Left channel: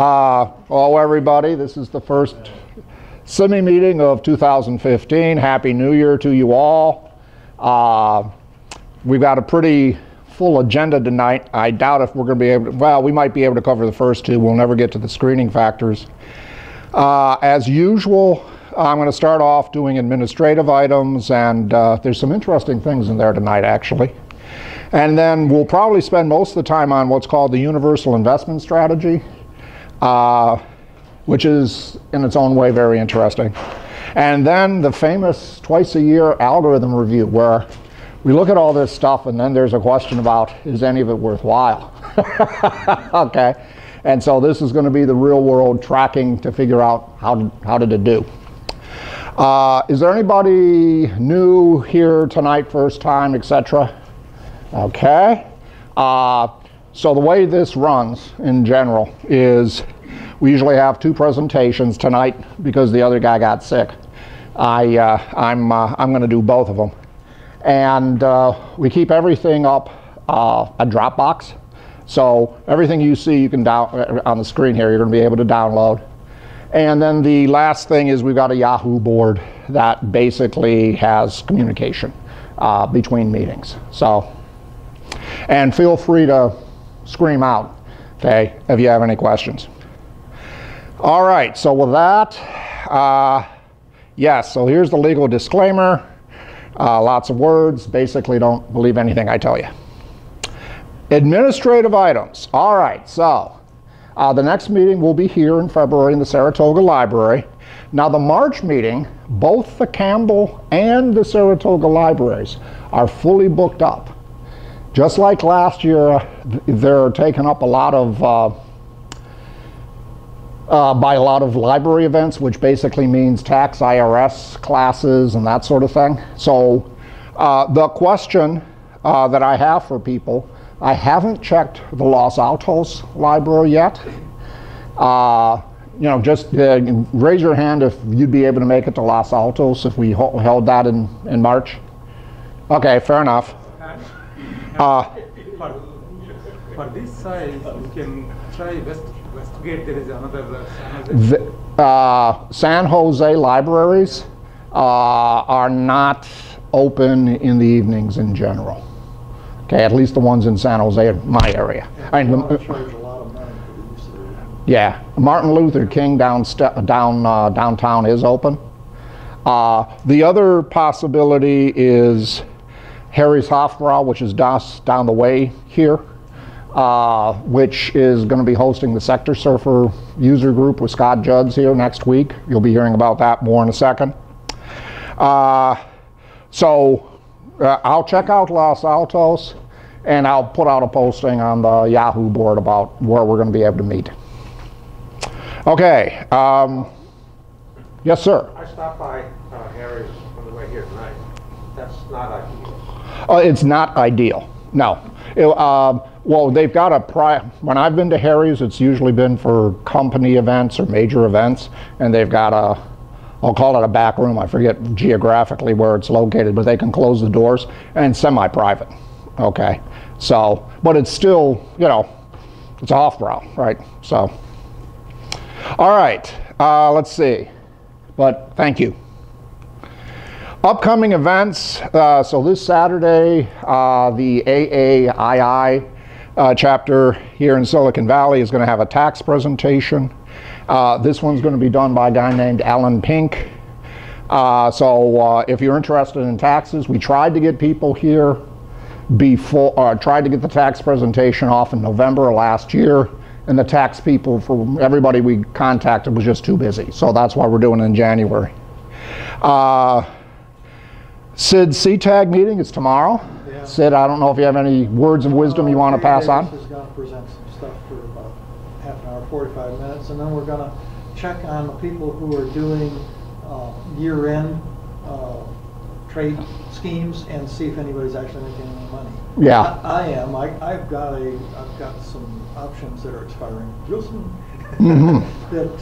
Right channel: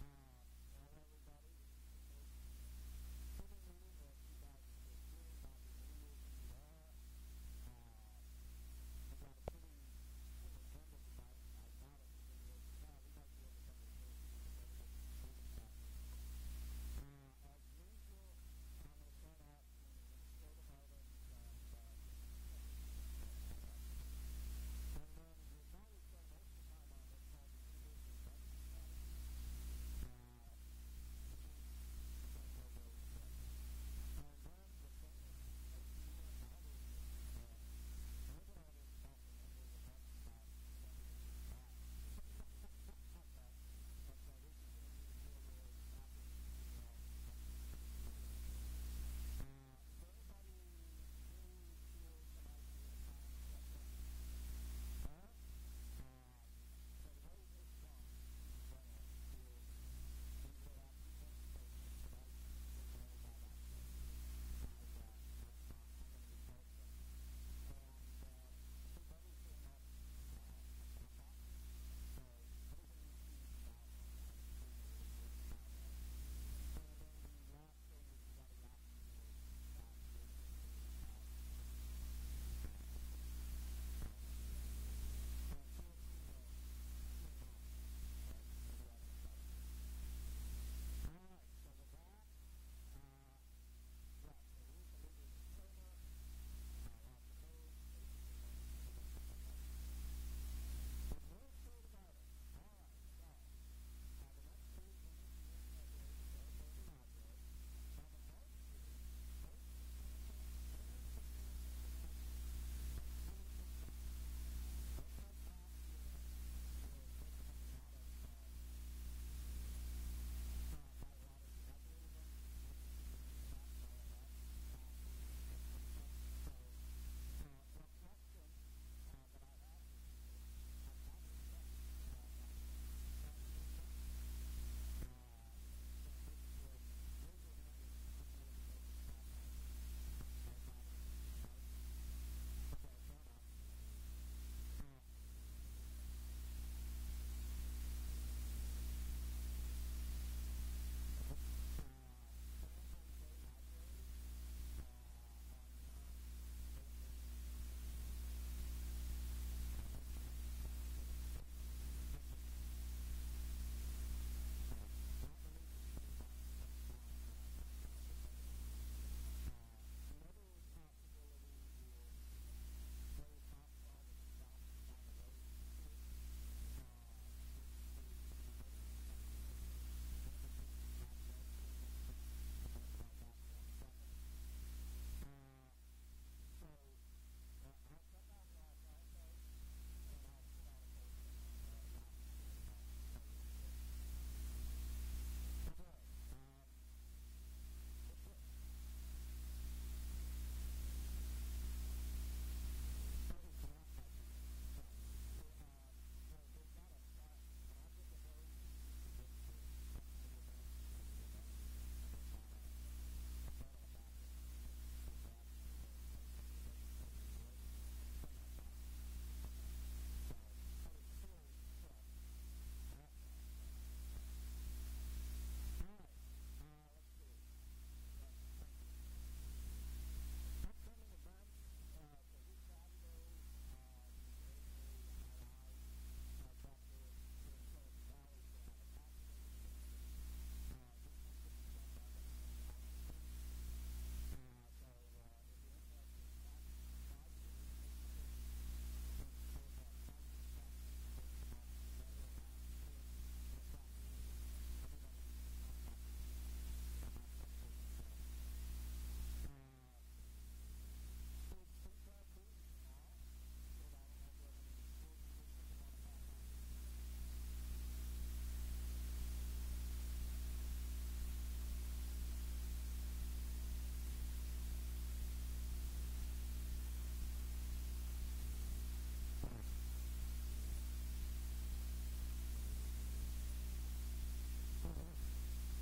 Hello everybody, this is the first SIMI meeting of 2015. Happy New Year to you all. We've got a pretty full agenda tonight. I doubt if we're going to be able to, well, we might be able to cover the first two. We'll never get to the screening factors. As usual, I'm going to start off doing administrative items, and there's some interesting things in there tonight actually. And then we'll probably spend most of the time on what's called the universal investment strategy, which is in its own way very interesting. And then the famous twice-a-year algorithm review, where we look at all this stuff and then there's a question about, is any of it worthwhile? Okay, and so this is going to be the real-world tracking to figure out how did it do. Is there anybody new here tonight, first time, etc.? Okay. So the way this runs in general is we usually have two presentations tonight because the other guy got sick. I'm going to do both of them. And we keep everything up a Dropbox. So everything you see you can down on the screen here, you're going to be able to download. And then the last thing is we've got a Yahoo board that basically has communication between meetings. So, and feel free to scream out, okay, if you have any questions. All right, so with that, yes, so here's the legal disclaimer. Lots of words. Basically, don't believe anything I tell you. Administrative items. All right, so the next meeting will be here in February in the Saratoga Library. Now, the March meeting, both the Campbell and the Saratoga libraries are fully booked up. Just like last year, they're taken up a lot of by a lot of library events, which basically means tax IRS classes and that sort of thing. So the question that I have for people, I haven't checked the Los Altos library yet. You know, just raise your hand if you'd be able to make it to Los Altos if we held that in March. Okay, fair enough. For this size, you can try Westgate. There is another San Jose libraries are not open in the evenings in general. Okay, at least the ones in San Jose, my area. Yeah, Martin Luther King downtown is open. The other possibility is Harry's Hofbrau, which is down the way here, which is going to be hosting the Sector Surfer user group with Scott Judds here next week. You'll be hearing about that more in a second. So I'll check out Los Altos, and I'll put out a posting on the Yahoo board about where we're going to be able to meet. Okay. Yes, sir. I stopped by Harry's on the way here tonight. That's not ideal. It's not ideal, no. Well, they've got when I've been to Harry's, it's usually been for company events or major events, and they've got I'll call it a back room. I forget geographically where it's located, but they can close the doors, and semi-private, okay? So, but it's still, you know, it's off-brow, right? So, all right, let's see, but thank you. Upcoming events, so this Saturday, the AAII chapter here in Silicon Valley is going to have a tax presentation. This one's going to be done by a guy named Alan Pink. So if you're interested in taxes, we tried to get people here before, tried to get the tax presentation off in November of last year, and the tax people, for everybody we contacted, was just too busy. So that's why we're doing it in January. Sid's CTAG meeting is tomorrow. Yeah. Sid, I don't know if you have any words of wisdom you want to pass on. Davis is going to present some stuff for about half an hour, 45 minutes, and then we're going to check on the people who are doing year-end trade schemes and see if anybody's actually making any money. Yeah. I am. I've got some options that are expiring real soon that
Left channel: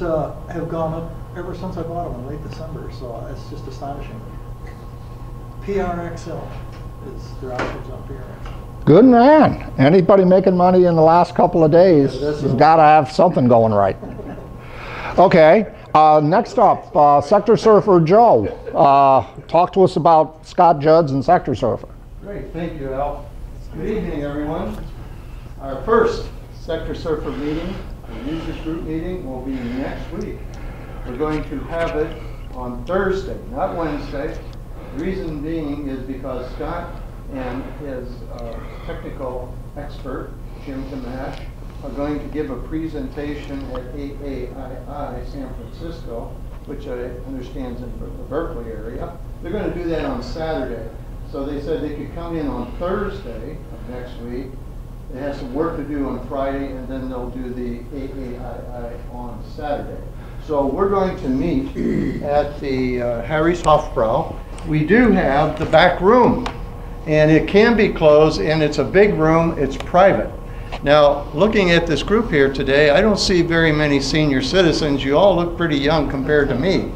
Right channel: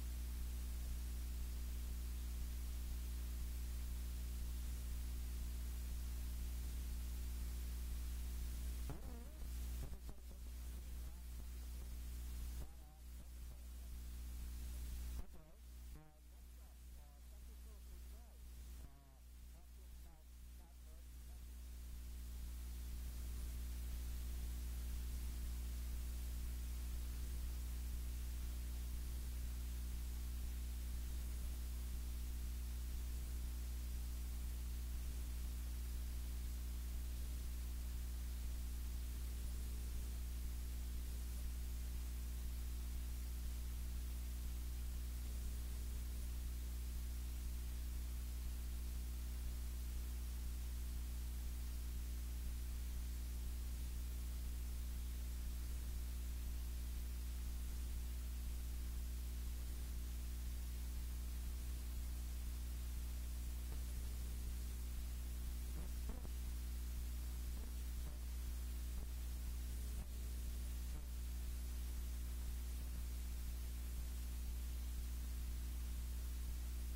have gone up ever since I bought them in late December. So it's just astonishing. PRXL is their options on PRXL. Good man. Anybody making money in the last couple of days has got to have something going right. Okay, next up, Sector Surfer Joe. Talk to us about Scott Judds and Sector Surfer. Great, thank you, Al. Good evening, everyone. Our first Sector Surfer meeting, the users group meeting, will be next week. We're going to have it on Thursday, not Wednesday. The reason being is because Scott and his technical expert, Jim Kamash, are going to give a presentation at AAII San Francisco, which I understand is in the Berkeley area. They're going to do that on Saturday. So they said they could come in on Thursday of next week. They have some work to do on Friday, and then they'll do the AAII on Saturday. So we're going to meet at the Harry's Hofbrau. We do have the back room, and it can be closed, and it's a big room. It's private. Now, looking at this group here today, I don't see very many senior citizens. You all look pretty young compared to me.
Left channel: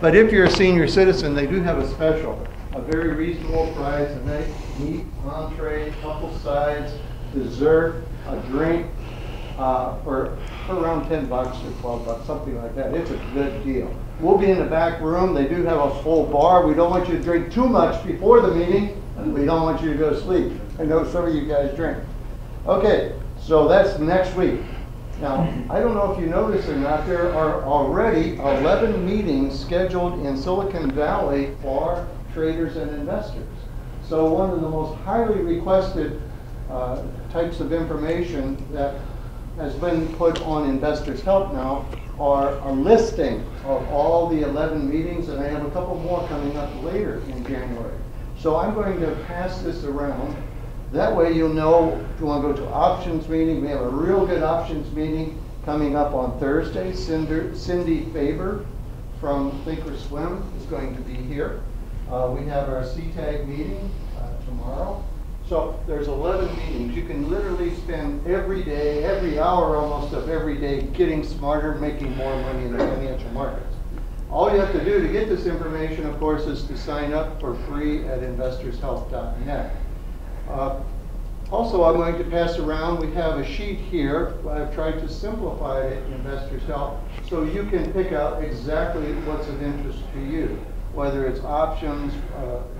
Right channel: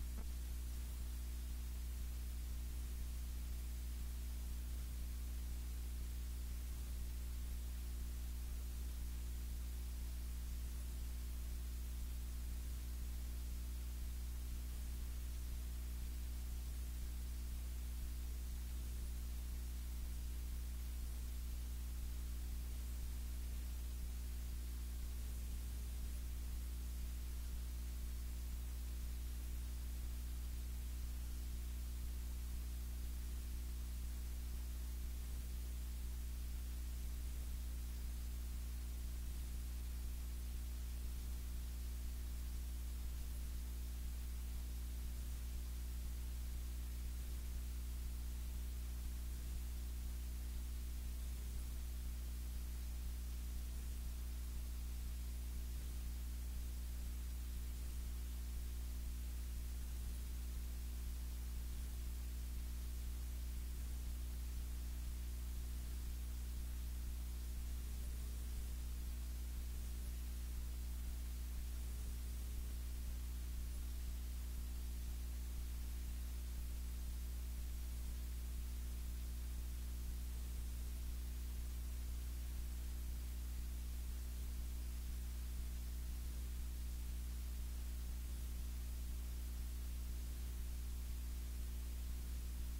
But if you're a senior citizen, they do have a special, a very reasonable price, a nice meat, entree, couple sides, dessert, a drink, for around $10 or $12, something like that. It's a good deal. We'll be in the back room. They do have a full bar. We don't want you to drink too much before the meeting. We don't want you to go to sleep. I know some of you guys drink. Okay, so that's next week. Now, I don't know if you noticed or not, there are already 11 meetings scheduled in Silicon Valley for traders and investors. So one of the most highly requested types of information that has been put on Investors Help now are a listing of all the 11 meetings, and I have a couple more coming up later in January. So I'm going to pass this around. That way you'll know if you want to go to options meeting. We have a real good options meeting coming up on Thursday. Cindy Faber from Thinkorswim is going to be here. We have our CTAG meeting tomorrow. So there's 11 meetings. You can literally spend every day, every hour almost of every day getting smarter, making more money in the financial markets. All you have to do to get this information, of course, is to sign up for free at investorshelp.net. Also, I'm going to pass around, we have a sheet here. I've tried to simplify it in Investors Help so you can pick out exactly what's of interest to you, whether it's options,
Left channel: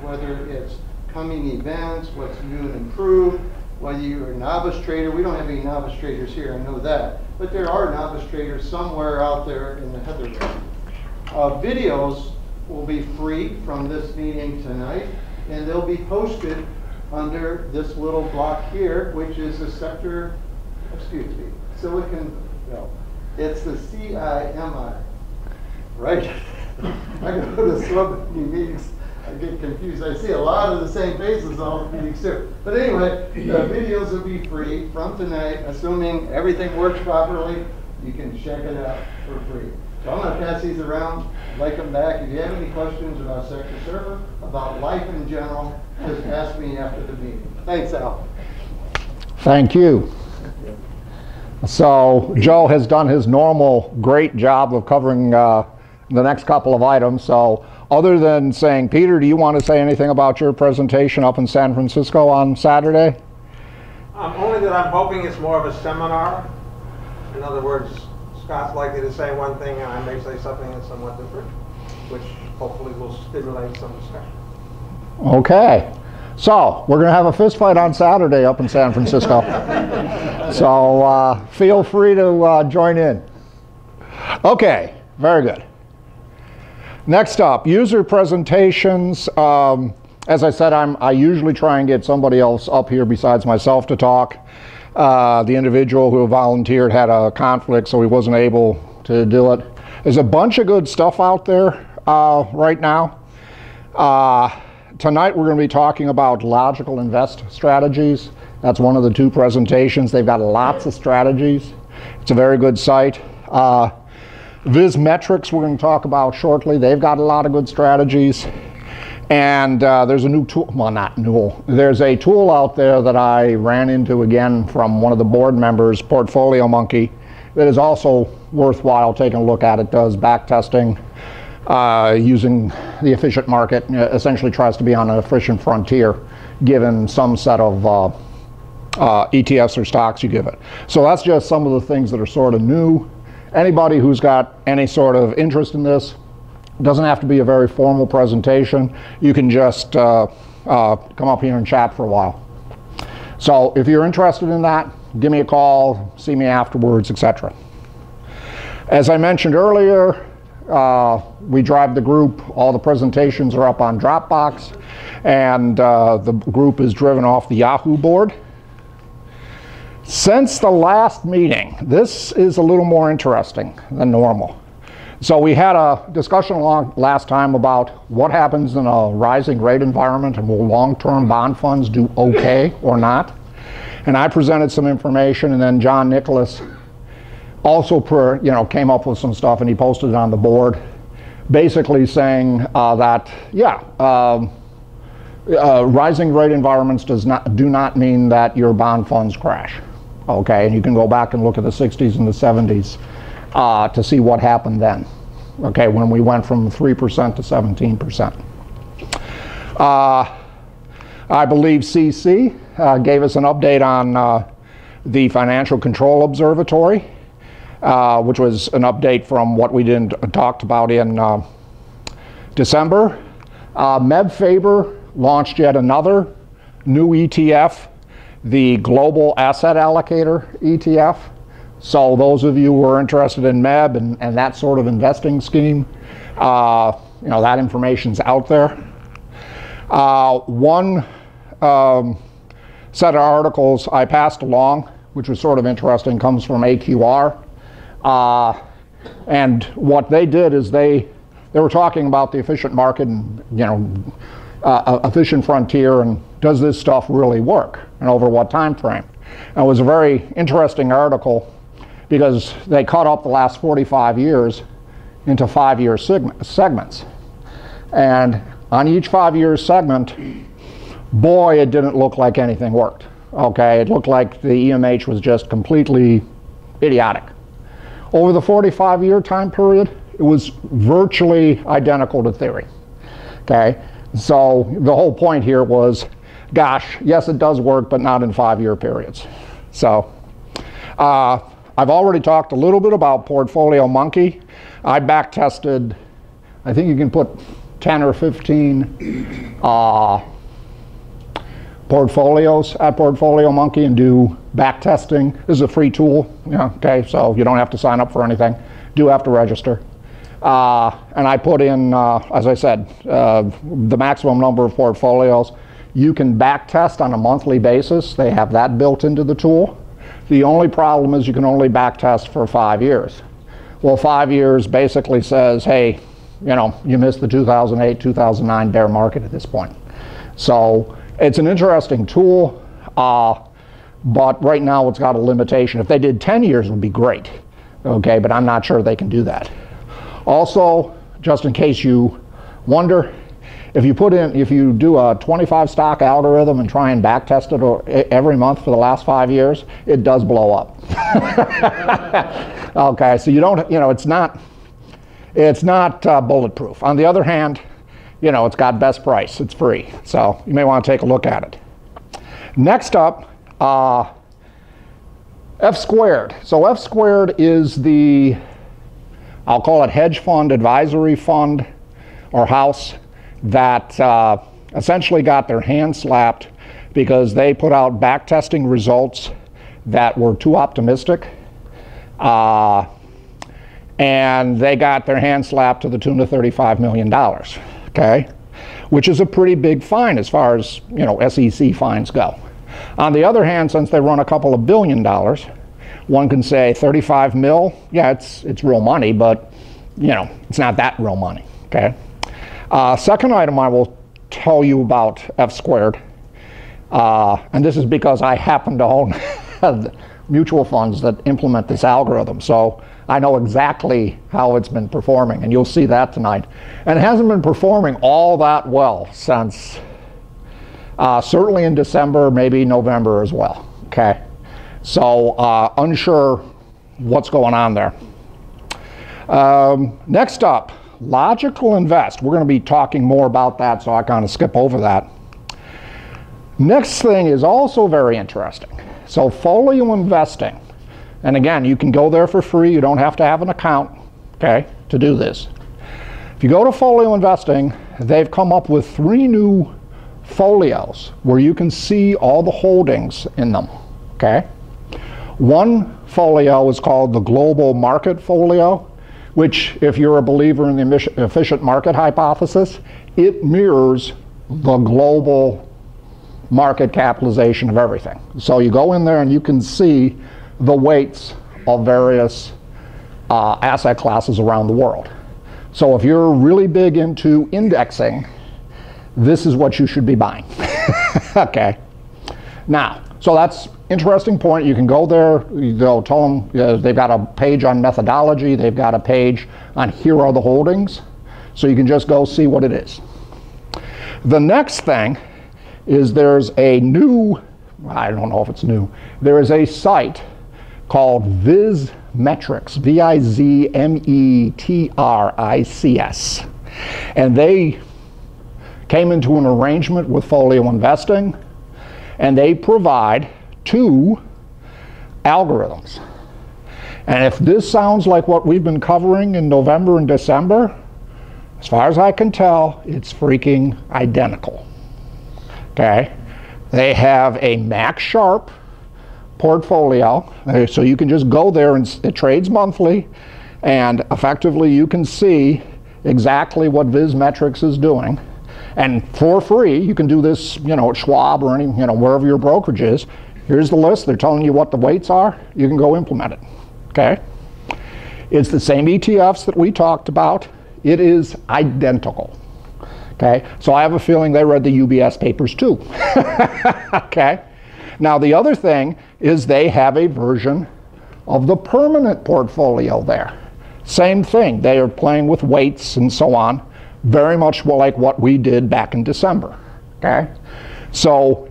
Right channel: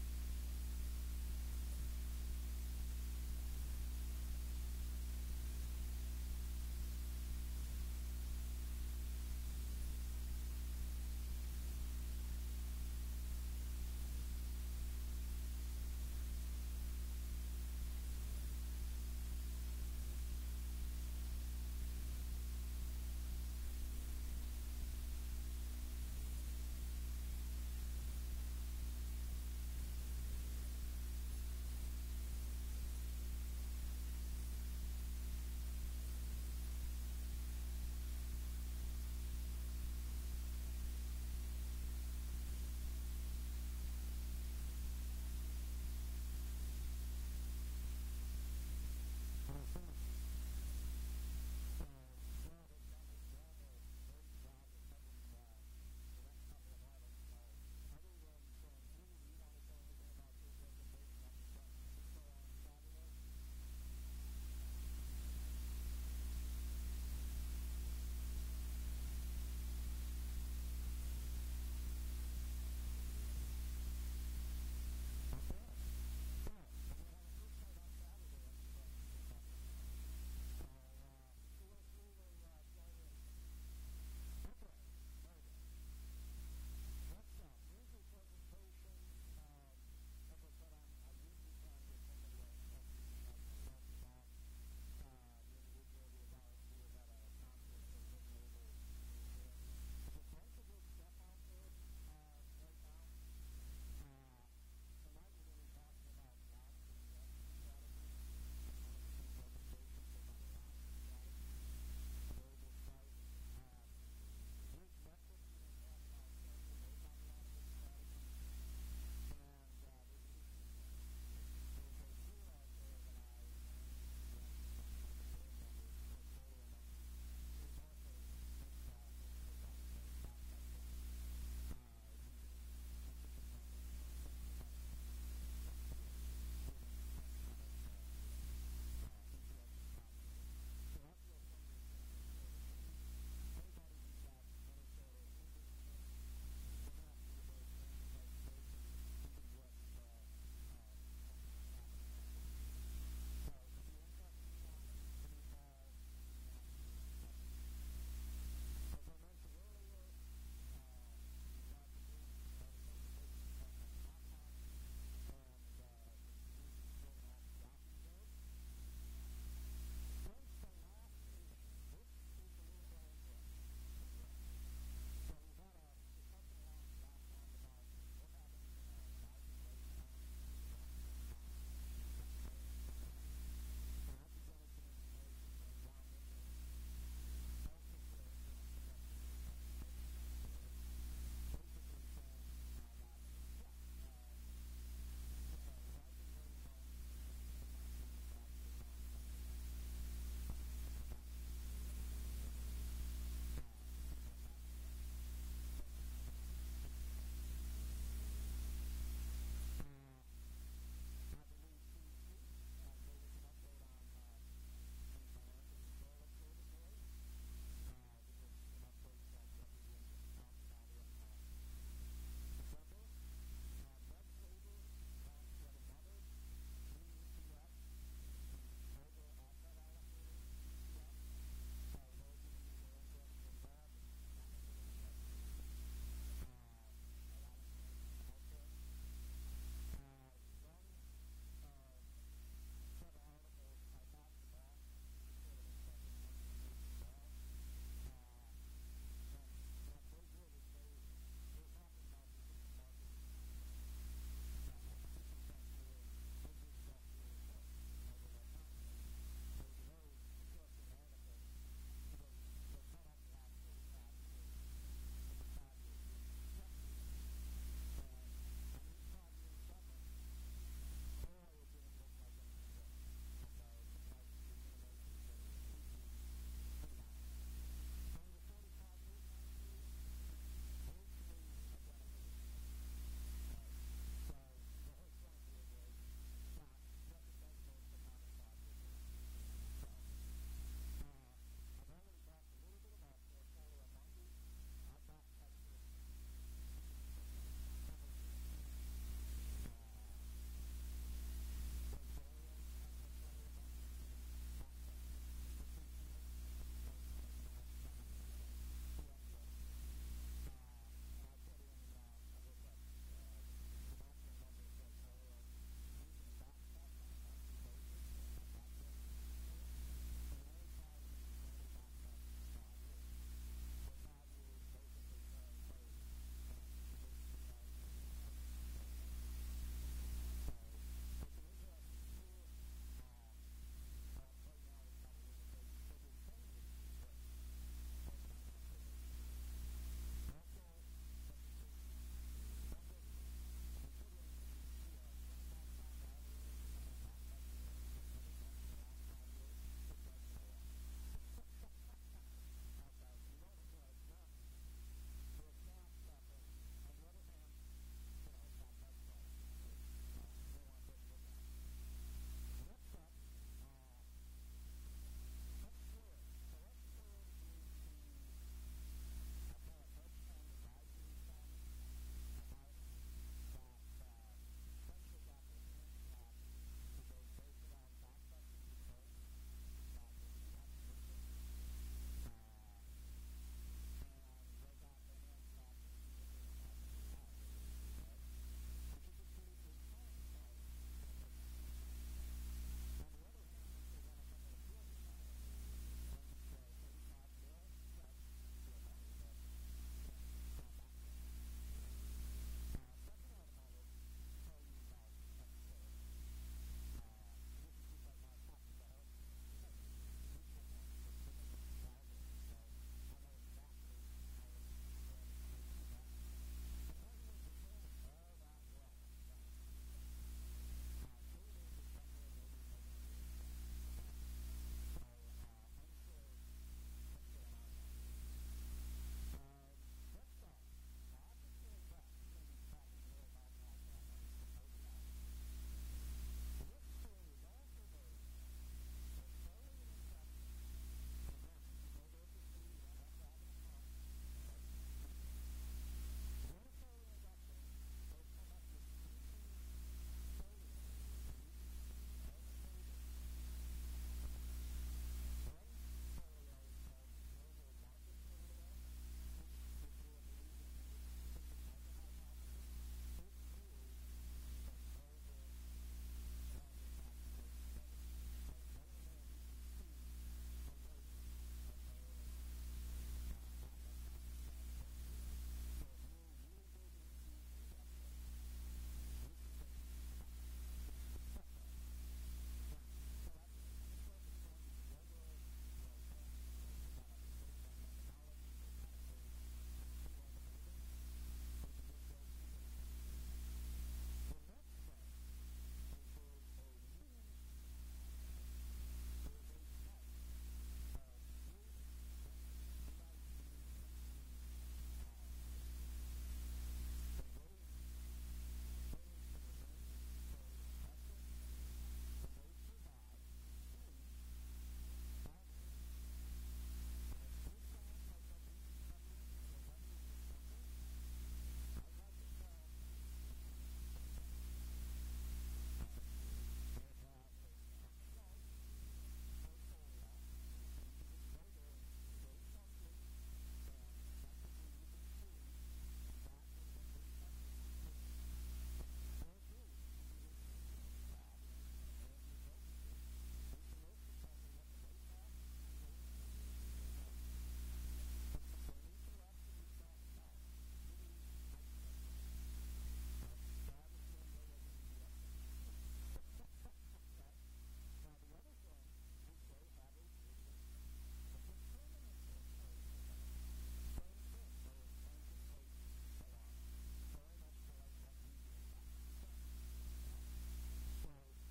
whether it's coming events, what's new and improved, whether you're a novice trader. We don't have any novice traders here, I know that. But there are novice traders somewhere out there in the heather. Videos will be free from this meeting tonight, and they'll be posted under this little block here, which is the sector, Silicon, no, it's the CIMI, right? I go to so many meetings, I get confused. I see a lot of the same faces all the meetings too. But anyway, the videos will be free from tonight, assuming everything works properly. You can check it out for free. So I'm going to pass these around, like them back. If you have any questions about Sector Server, about life in general, just ask me after the meeting. Thanks, Al. Thank you. So Joe has done his normal great job of covering the next couple of items. So other than saying, Peter, do you want to say anything about your presentation up in San Francisco on Saturday? Only that I'm hoping it's more of a seminar. In other words, Scott's likely to say one thing and I may say something that's somewhat different, which hopefully will stimulate some discussion. Okay. So we're going to have a fist fight on Saturday up in San Francisco. So feel free to join in. Okay, very good. Next up, user presentations. As I said, I usually try and get somebody else up here besides myself to talk. The individual who volunteered had a conflict, so he wasn't able to do it. There's a bunch of good stuff out there right now. Tonight we're going to be talking about logical invest strategies. That's one of the two presentations. They've got lots of strategies. It's a very good site. Zmyslowski we're going to talk about shortly. They've got a lot of good strategies. And there's a new tool, well, not new, there's a tool out there that I ran into again from one of the board members, Portfolio Monkey, that is also worthwhile taking a look at. It does back testing using the efficient market, essentially tries to be on an efficient frontier given some set of ETFs or stocks you give it. So that's just some of the things that are sort of new. Anybody who's got any sort of interest in this, doesn't have to be a very formal presentation. You can just come up here and chat for a while. So if you're interested in that, give me a call, see me afterwards, etc. As I mentioned earlier, we drive the group. All the presentations are up on Dropbox, and the group is driven off the Yahoo board. Since the last meeting, this is a little more interesting than normal. So we had a discussion last time about what happens in a rising rate environment, and will long-term bond funds do okay or not? And I presented some information, and then John Nicholas also came up with some stuff, and he posted it on the board, basically saying that, yeah, rising rate environments do not mean that your bond funds crash. Okay, and you can go back and look at the 60s and the 70s to see what happened then. Okay, when we went from 3% to 17%. I believe CC gave us an update on the Financial Control Observatory, which was an update from what we talked about in December. Faber launched yet another new ETF, the Global Asset Allocator ETF. So those of you who are interested in MEB and that sort of investing scheme, that information's out there. One set of articles I passed along, which was sort of interesting, comes from AQR. And what they did is they were talking about the efficient market and, efficient frontier, and does this stuff really work, and over what time frame? And it was a very interesting article because they cut up the last 45 years into 5-year segments. And on each 5-year segment, boy, it didn't look like anything worked. Okay, it looked like the EMH was just completely idiotic. Over the 45-year time period, it was virtually identical to theory. Okay, so the whole point here was, gosh, yes, it does work, but not in 5-year periods. So I've already talked a little bit about Portfolio Monkey. I back tested, I think you can put 10 or 15 portfolios at Portfolio Monkey and do back testing. This is a free tool, okay, so you don't have to sign up for anything. Do have to register. And I put in, as I said, the maximum number of portfolios. You can back test on a monthly basis. They have that built into the tool. The only problem is you can only back test for 5 years. Well, 5 years basically says, hey, you missed the 2008, 2009 bear market at this point. So it's an interesting tool, but right now it's got a limitation. If they did 10 years, it would be great, okay, but I'm not sure they can do that. Also, just in case you wonder, if you do a 25 stock algorithm and try and back test it every month for the last 5 years, it does blow up. Okay, so you don't, it's not bulletproof. On the other hand, it's got best price, it's free, so you may want to take a look at it. Next up, F squared. So F squared is the, I'll call it hedge fund advisory fund or house that essentially got their hand slapped because they put out back testing results that were too optimistic, and they got their hand slapped to the tune of $35 million, okay, which is a pretty big fine as far as SEC fines go. On the other hand, since they run a couple of $1 billion, one can say 35 mil, yeah, it's real money, but it's not that real money, okay. Second item I will tell you about F squared, and this is because I happen to own mutual funds that implement this algorithm, so I know exactly how it's been performing, and you'll see that tonight. And it hasn't been performing all that well since certainly in December, maybe November as well, okay? So unsure what's going on there. Next up, Logical Invest. We're going to be talking more about that, so I kind of skip over that. Next thing is also very interesting. So folio investing, and again, you can go there for free. You don't have to have an account, okay, to do this. If you go to folio investing, they've come up with 3 new folios where you can see all the holdings in them, okay? One folio is called the global market folio, which, if you're a believer in the efficient market hypothesis, it mirrors the global market capitalization of everything. So you go in there and you can see the weights of various asset classes around the world. So if you're really big into indexing, this is what you should be buying. Okay. Now, so that's interesting point. You can go there, they'll tell them, they've got a page on methodology, they've got a page on here are the holdings, so you can just go see what it is. The next thing is there's a new, I don't know if it's new, there is a site called Zmyslowski, V-I-Z-M-E-T-R-I-C-S, and they came into an arrangement with Folio Investing, and they provide 2 algorithms. And if this sounds like what we've been covering in November and December, as far as I can tell, it's freaking identical. Okay? They have a max Sharp portfolio, so you can just go there and it trades monthly, and effectively you can see exactly what Zmyslowski is doing. And for free, you can do this, you know, at Schwab or any, you know, wherever your brokerage is. Here's the list. They're telling you what the weights are. You can go implement it. Okay? It's the same ETFs that we talked about. It is identical. Okay? So I have a feeling they read the UBS papers too. Okay? Now the other thing is they have a version of the permanent portfolio there. Same thing. They are playing with weights and so on. Very much like what we did back in December, okay? So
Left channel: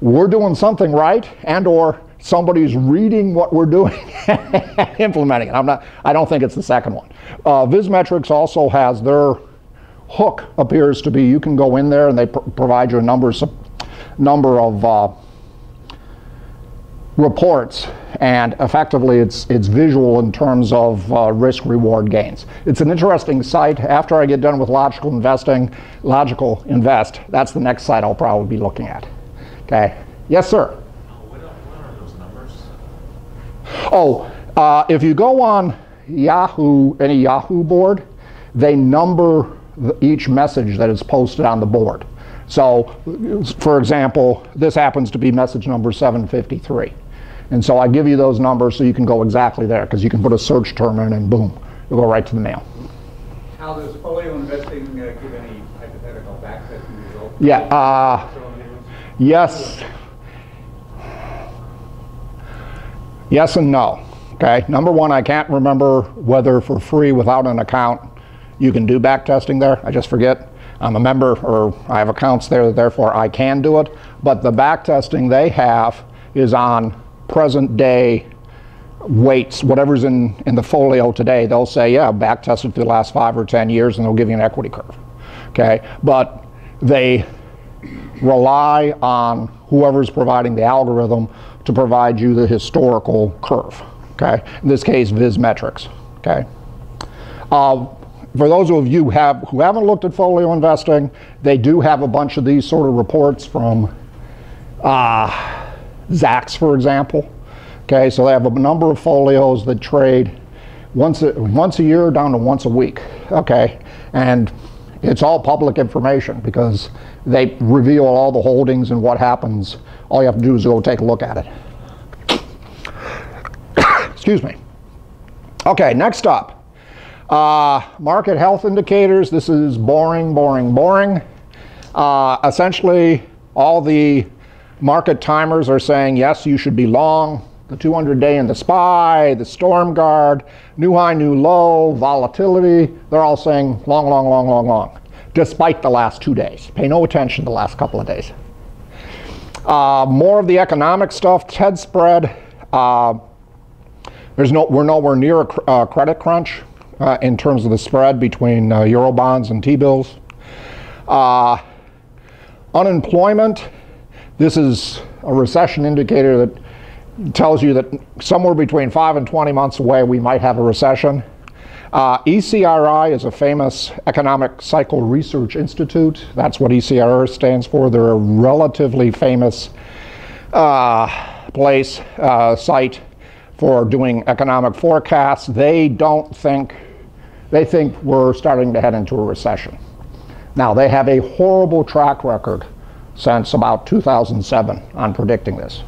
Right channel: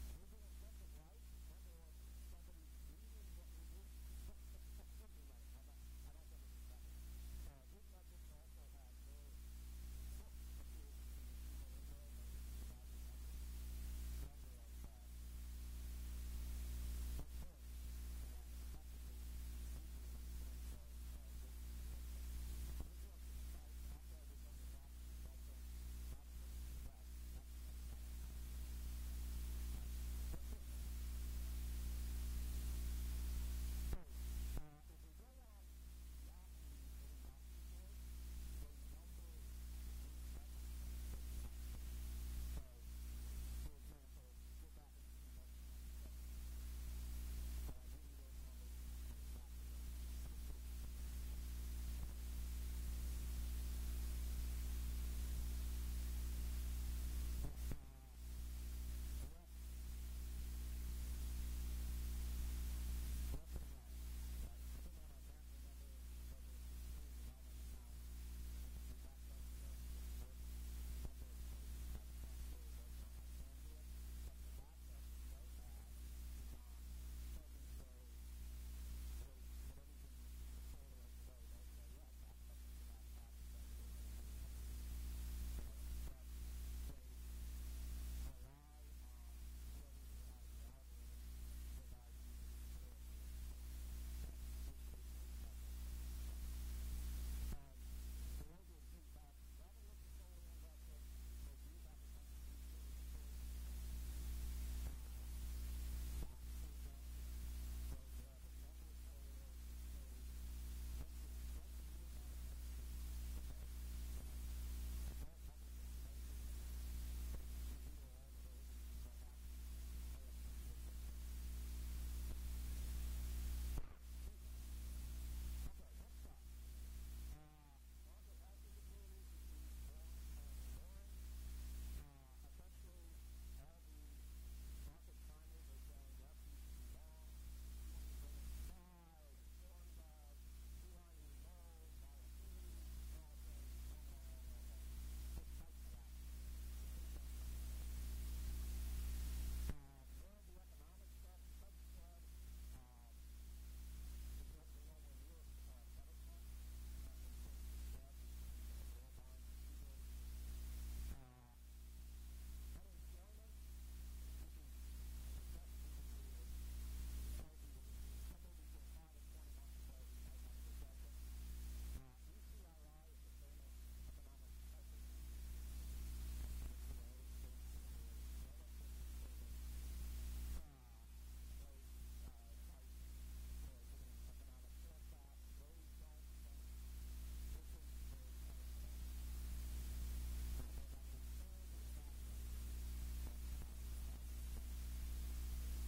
we're doing something right, and or somebody's reading what we're doing and implementing it. I don't think it's the second one. Zmyslowski also has their hook appears to be, you can go in there and they provide you a number of reports, and effectively it's visual in terms of risk-reward gains. It's an interesting site. After I get done with Logical Invest, that's the next site I'll probably be looking at. Okay. Yes, sir? What are those numbers? Oh, if you go on Yahoo, any Yahoo board, they number each message that is posted on the board. So, for example, this happens to be message number 753. And so I give you those numbers so you can go exactly there, because you can put a search term in and boom, you'll go right to the mail. How does folio investing give any hypothetical backtesting results? Yeah, yes. Yes and no. Okay, number one, I can't remember whether for free without an account you can do backtesting there. I just forget. I'm a member, or I have accounts there, therefore I can do it. But the backtesting they have is on present day weights, whatever's in the folio today. They'll say, yeah, backtested for the last 5 or 10 years, and they'll give you an equity curve. Okay, but they rely on whoever's providing the algorithm to provide you the historical curve. Okay, in this case, Zmyslowski. Okay. For those of you who haven't looked at folio investing, they do have a bunch of these sort of reports from Zacks, for example. Okay, so they have a number of folios that trade once a year down to once a week. Okay, and it's all public information because they reveal all the holdings and what happens. All you have to do is go take a look at it. Excuse me. Okay, next up. Market health indicators. This is boring, boring, boring. Essentially, all the market timers are saying, yes, you should be long. The 200-day in the SPY, the Storm Guard, new high, new low, volatility. They're all saying long, long, long, long, long, despite the last 2 days. Pay no attention to the last couple of days. More of the economic stuff, TED spread. We're nowhere near a credit crunch. In terms of the spread between Eurobonds and T-bills. Unemployment, this is a recession indicator that tells you that somewhere between 5 and 20 months away we might have a recession. ECRI is a famous economic cycle research institute. That's what ECRI stands for. They're a relatively famous site for doing economic forecasts. They think we're starting to head into a recession. Now, they have a horrible track record since about 2007 on predicting this.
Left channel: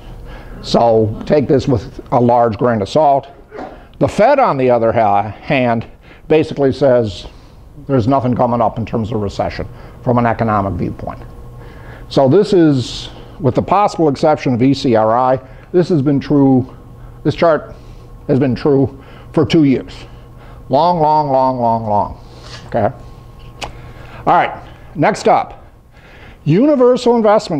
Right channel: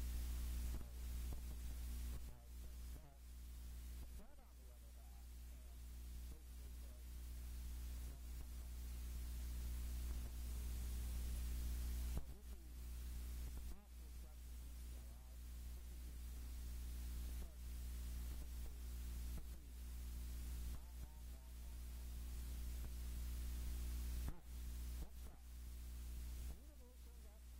So take this with a large grain of salt. The Fed, on the other hand, basically says there's nothing coming up in terms of recession from an economic viewpoint. So this is, with the possible exception of ECRI, this chart has been true for 2 years. Long. Okay? All right, next up, universal investment